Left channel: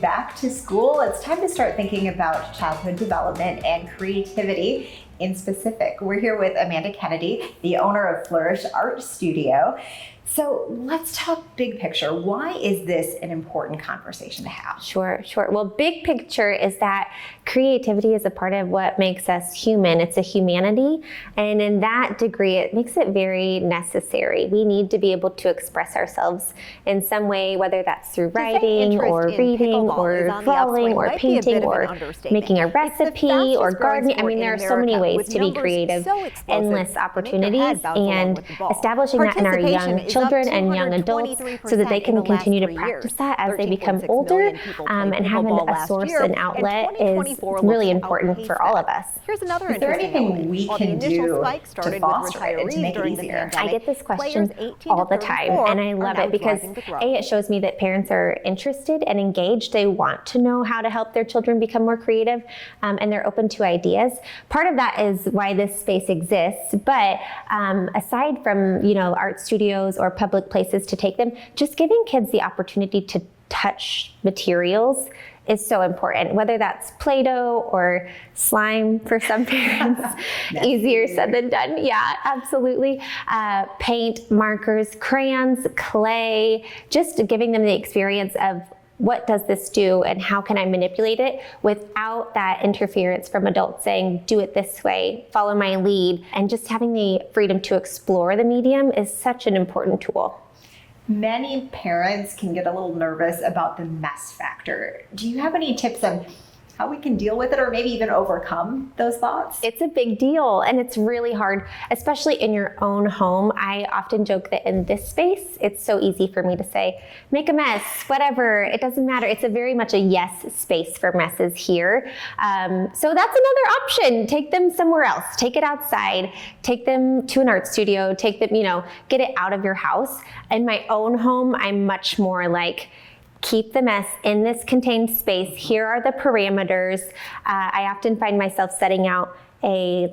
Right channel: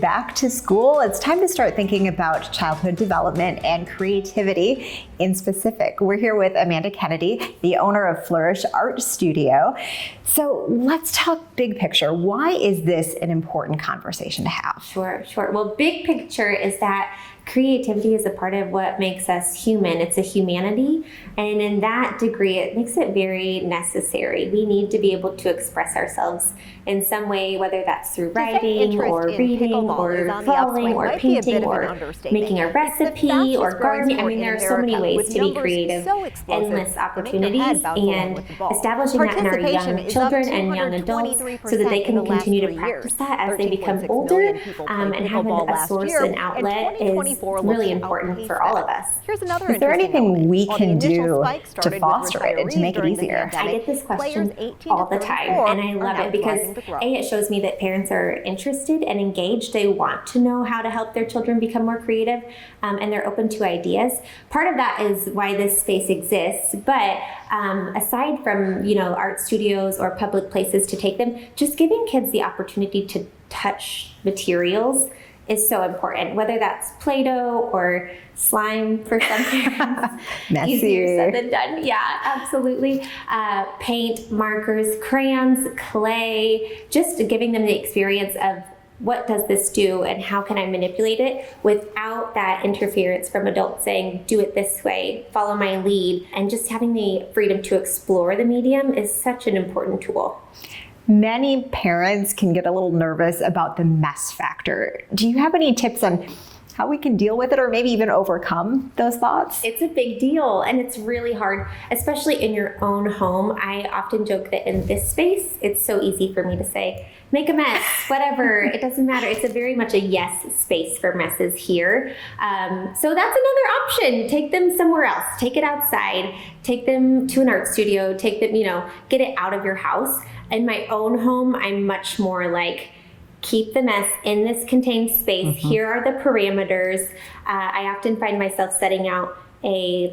back to school, it's time to start thinking about childhood development and creativity in specific. We're here with Amanda Kennedy, the owner of Flourish Art Studio. So let's talk big picture. Why is this an important conversation to have? Sure. Well, big picture is that creativity is a part of what makes us human. It's a humanity. And in that degree, it makes it very necessary. We need to be able to express ourselves in some way, whether that's through writing or reading or drawing or painting or making a recipe or gardening. I mean, there are so many ways to be creative, endless opportunities, and establishing that in our young children and young adults so that they can continue to practice that as they become older, and having a source and outlet is really important for all of us. Here's another is there interesting anything we can do to foster it and to make it easier? I get this question all the time, and I love it because it shows me that parents are interested and engaged. They want to know how to help their children become more creative, and they're open to ideas. Part of that is why this space exists, but aside from art studios or public places to take them, just giving kids the opportunity to touch materials is so important, whether that's Play-Doh or slime for some parents. Easier said than done. Yeah, absolutely. Paint, markers, crayons, clay, just giving them the experience of what does this do and how can I manipulate it without that interference from adults saying, do it this way, follow my lead, and just having the freedom to explore the medium is such an important tool. Many parents can get a little nervous about the mess factor. Do you have any tips on how we can deal with it or maybe even overcome those thoughts? It's a big deal and it's really hard, especially in your own home. I often joke that in this space, it's so easy for me to say, make a mess, whatever, it doesn't matter. It's a very much a yes space for messes here. So that's another option. Take them somewhere else, take it outside, take them to an art studio, take them, get it out of your house. In my own home, I'm much more like, keep the mess in this contained space. Here are the parameters. I often find myself setting out a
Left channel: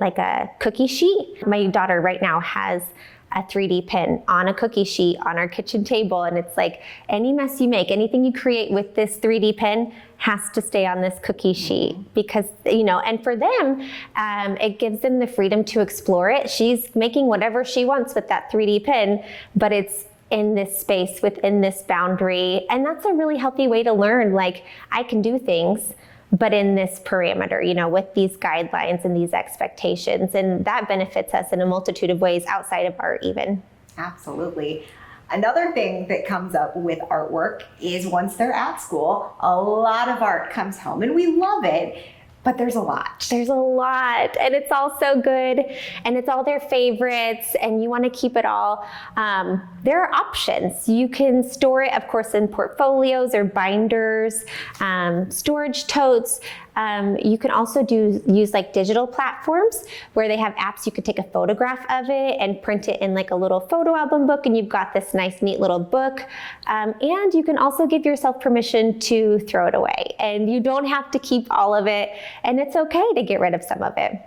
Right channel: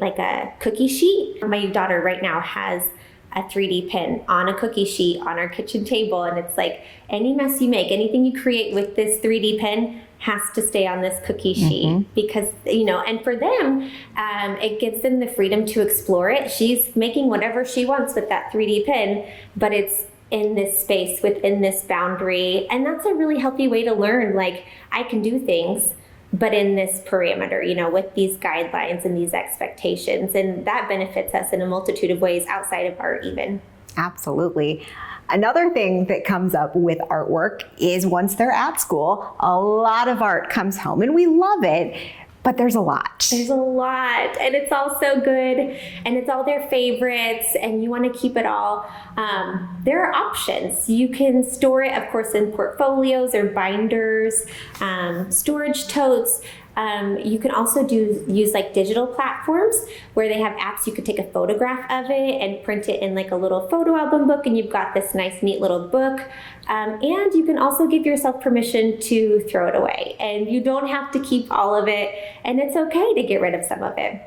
cookie sheet. My daughter right now has a 3D pen on a cookie sheet on our kitchen table, and it's like any mess you make, anything you create with this 3D pen has to stay on this cookie sheet because, and for them, it gives them the freedom to explore it. She's making whatever she wants with that 3D pen, but it's in this space, within this boundary. And that's a really healthy way to learn, like, I can do things, but in this parameter, with these guidelines and these expectations. And that benefits us in a multitude of ways outside of art even. Absolutely. Another thing that comes up with artwork is once they're at school, a lot of art comes home and we love it. But there's a lot. There's a lot, and it's all so good, and it's all their favorites, and you want to keep it all. There are options. You can store it, of course, in portfolios or binders, storage totes. You can also use like digital platforms where they have apps. You could take a photograph of it and print it in like a little photo album book, and you've got this nice, neat little book. And you can also give yourself permission to throw it away, and you don't have to keep all of it, and it's okay to get rid of some of it.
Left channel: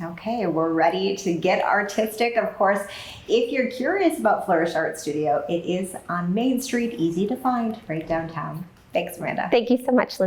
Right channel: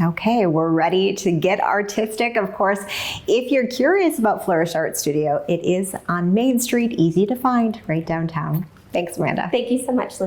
Okay, we're ready to get artistic. Of course, if you're curious about Flourish Art Studio, it is on Main Street, easy to find, right downtown. Thanks, Amanda. Thank you so much, Lindsay.